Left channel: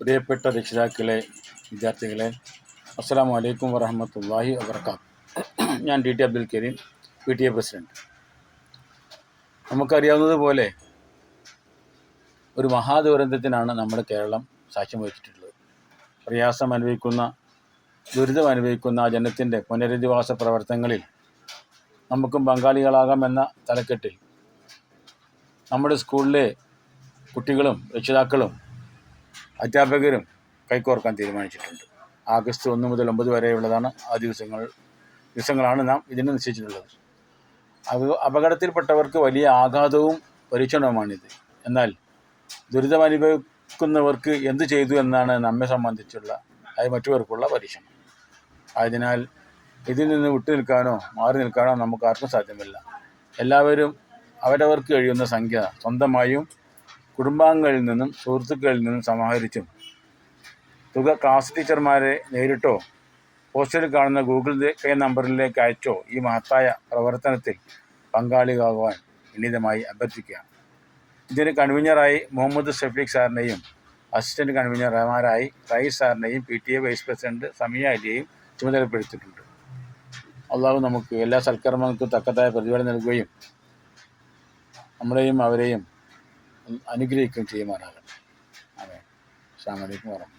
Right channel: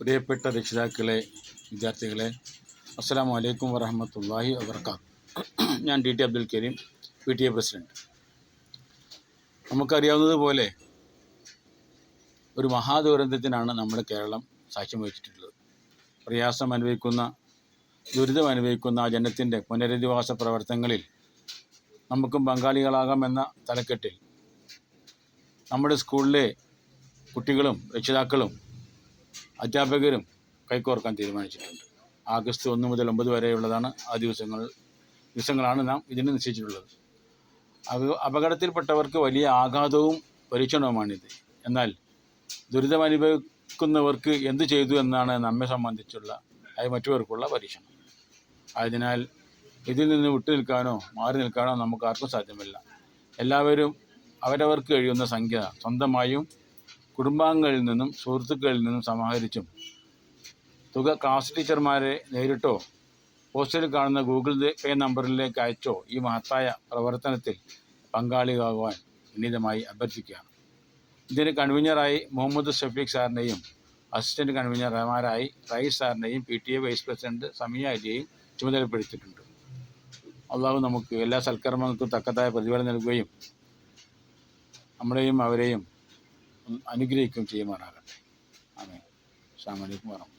പ്രിയപ്പെട്ട രക്ഷിതാക്കളെ, വിദ്യാർത്ഥികളെ, അസ്സലാമു അലൈക്കും വറഹ്മത്തുള്ളാഹി വബറകാത്ത്. ഞാൻ T Abdul Kareem, PTA president. നമുക്കറിയാവുന്നതുപോലെ ഒരു മഹാദുരന്തത്തിനാണ് നമ്മുടെ കേരളം സാക്ഷ്യം വഹിച്ചിട്ടുള്ളത്. പ്രയാസം അനുഭവിക്കുന്ന, ദുരിതം അനുഭവിക്കുന്ന ആ ജനത്തിൻ്റെ പുനരധിവാസ പ്രവർത്തനങ്ങളിൽ നമുക്കും പങ്കാളികളാകാമെന്ന തലക്കെട്ടിൽ നമ്മുടെ സ്കൂളിലെ കുട്ടികളും രക്ഷിതാക്കളും അധ്യാപകരും കൈകോർക്കാൻ തീരുമാനിച്ചിട്ടുണ്ട്. ആഗസ്റ്റ് 1 മുതൽ 9 വരെയുള്ളതാണ് ആ ദിവസങ്ങളാണ് നാം ഇതിന് നിശ്ചയിച്ചിട്ടുള്ളത്. അപകടത്തിൽപ്പെട്ടവർക്ക് വലിയ ആഘാതവും പരീക്ഷണവുമാണിത്. എന്നാൽ ദുരിതം അനുഭവിക്കുന്നവർക്ക് എന്തു ചെയ്തു എന്നാണ് നമ്മെ സംബന്ധിച്ചുള്ള മറ്റുള്ളവർക്കുള്ള പരീക്ഷണം. ആയതിനാൽ ഇതിൽ നിന്ന് വിട്ടു നിൽക്കാനോ മാറി നിൽക്കാനോ നമുക്ക് ആർക്കും സാധ്യമല്ല. എല്ലാവരും അവരവർക്ക് കഴിയുന്ന സംഖ്യ സ്വന്തമായും കുടുംബാംഗങ്ങളിൽ നിന്നും സുഹൃത്തുക്കളിൽ നിന്നും സമാഹരിച്ചും തുക ക്ലാസ് ടീച്ചർമാരെ നേരിട്ടോ പോസ്റ്ററിൽ കാണുന്ന ഗൂഗിൾ പേ നമ്പറിലേക്ക് അയച്ചോ ഈ മഹത്തായ പ്രവർത്തനത്തിൽ പങ്കാളിയാകുവാൻ വിനീതമായി അഭ്യർത്ഥിക്കുകയാണ്. ഇതിന് കൺവീനറായി മുഹമ്മദ് ഷഫീഖ് സാറിനെയും അസിസ്റ്റൻറ്റ് കൺവീനർമാരായി റയീസ് സാറിനെയും PTA വൈസ് പ്രസിഡൻറ്റ് സമിയ അലിയെയും ചുമതലപ്പെടുത്തിയിട്ടുണ്ട്. അള്ളാഹു നമുക്ക് എല്ലാ സൽക്കർമ്മങ്ങൾക്കും തക്കതായ പ്രതിഫലം നൽകുകയും നമ്മളെയും അവരെയും അനുഗ്രഹിക്കുകയും ചെയ്യുമാറാകട്ടെ. ആമീൻ. അസ്സലാമു അലൈക്കും വറഹ്മത്തുള്ളാഹി.